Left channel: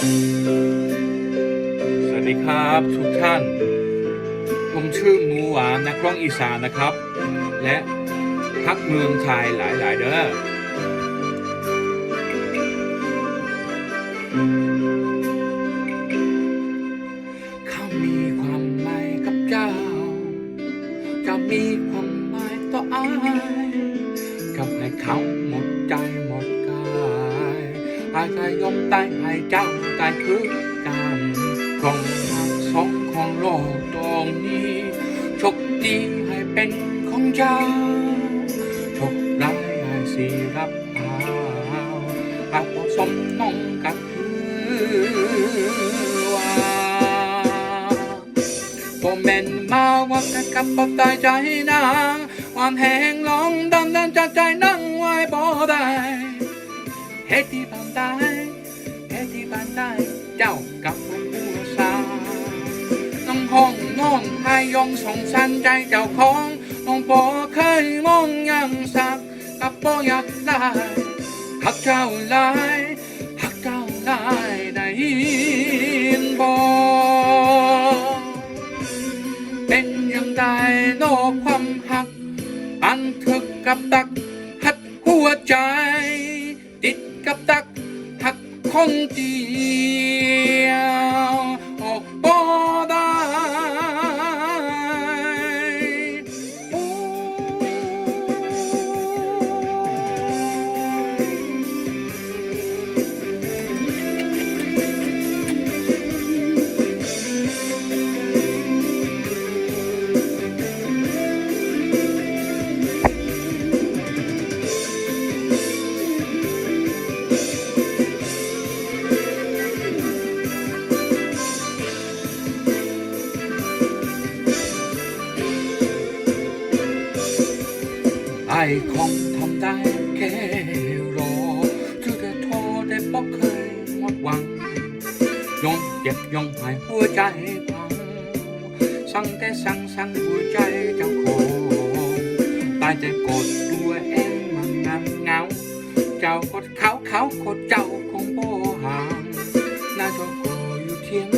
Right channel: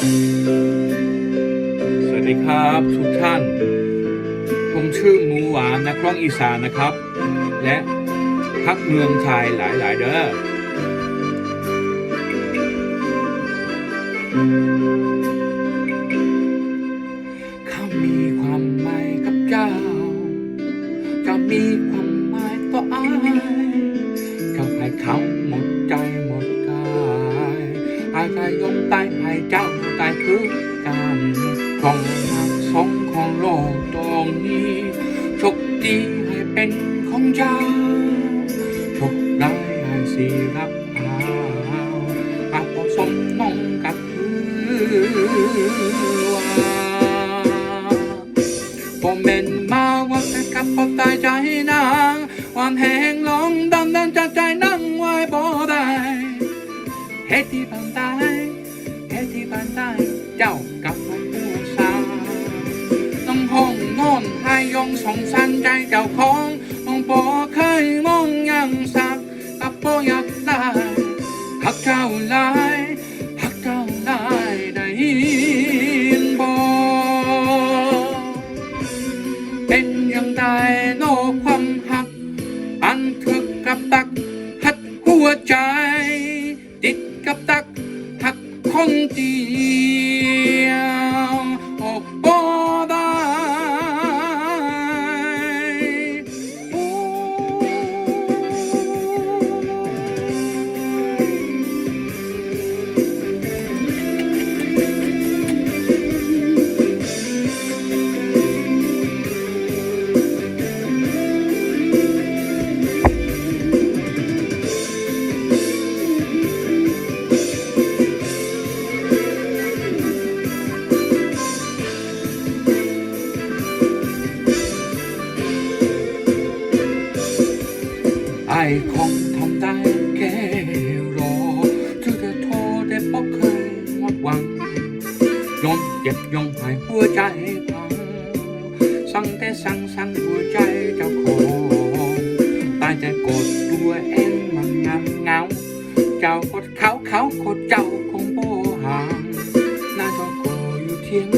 สวัสดีครับทุกท่าน ผมชื่อมูหวานนักร้องอีสานนะครับ และพักเมืองไทยหลาย ๆ เด้อเขามีความหมายกับเจ้า จะมีความหมายต่ออายเจ้าให้เขาหมดใจหมดกาย อายก็ยอมตายให้เจ้าตายคือกันของหักสองของโลกตรงนี้โชคดีให้เป็นของเจ้าโชคร้ายให้สิรับเอาอาจผสมน้องกับคือว่าผมเป็นมาว่าแค่กับปตายใจนางวันแหงลองดันดั เหตุที่บันไดเหตุที่บันไดเจ้ากับผมหัวซาต้องห้องนอนให้ยงสองสันใจเจ้าขอ หัก คงทำได้แค่รอที่ได้โทรได้บอกเคยหมดหวังยอมเจ็บยอมหายหัวใจพัง สั่งแต่สั่งสั่งหัวใจเจ้าของตายใจกดตัวเองมันงานเงา เจ้ากดเขาเขากดเจ้าคงโบหางน่าจะโกอยู่เที่ยง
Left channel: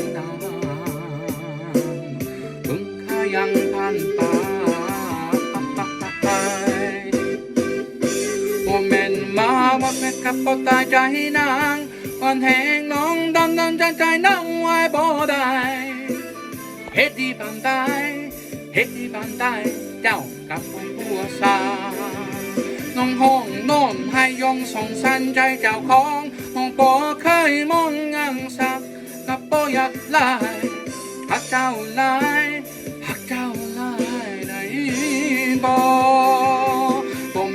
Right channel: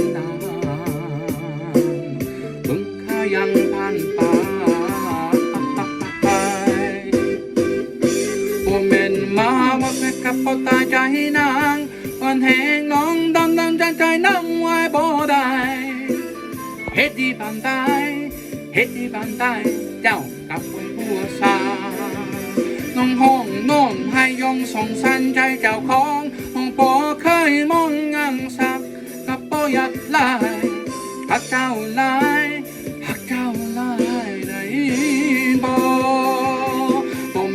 กับพ่อตายใจนางวันแหงน้องดันดันใจใจนั่งไว้บ่ได้เฮ็ดดีปานใดเฮ็ดดีปานใดเจ้ากับผมหัวซาน้องห้องนอนให้ยงสองสันใจเจ้าของน้องบ่เคยมองงังสักกับบ่อยากลายหักเจ้าลาย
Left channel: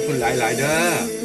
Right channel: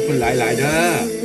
ขอบคุณหลาย ๆ เด้อ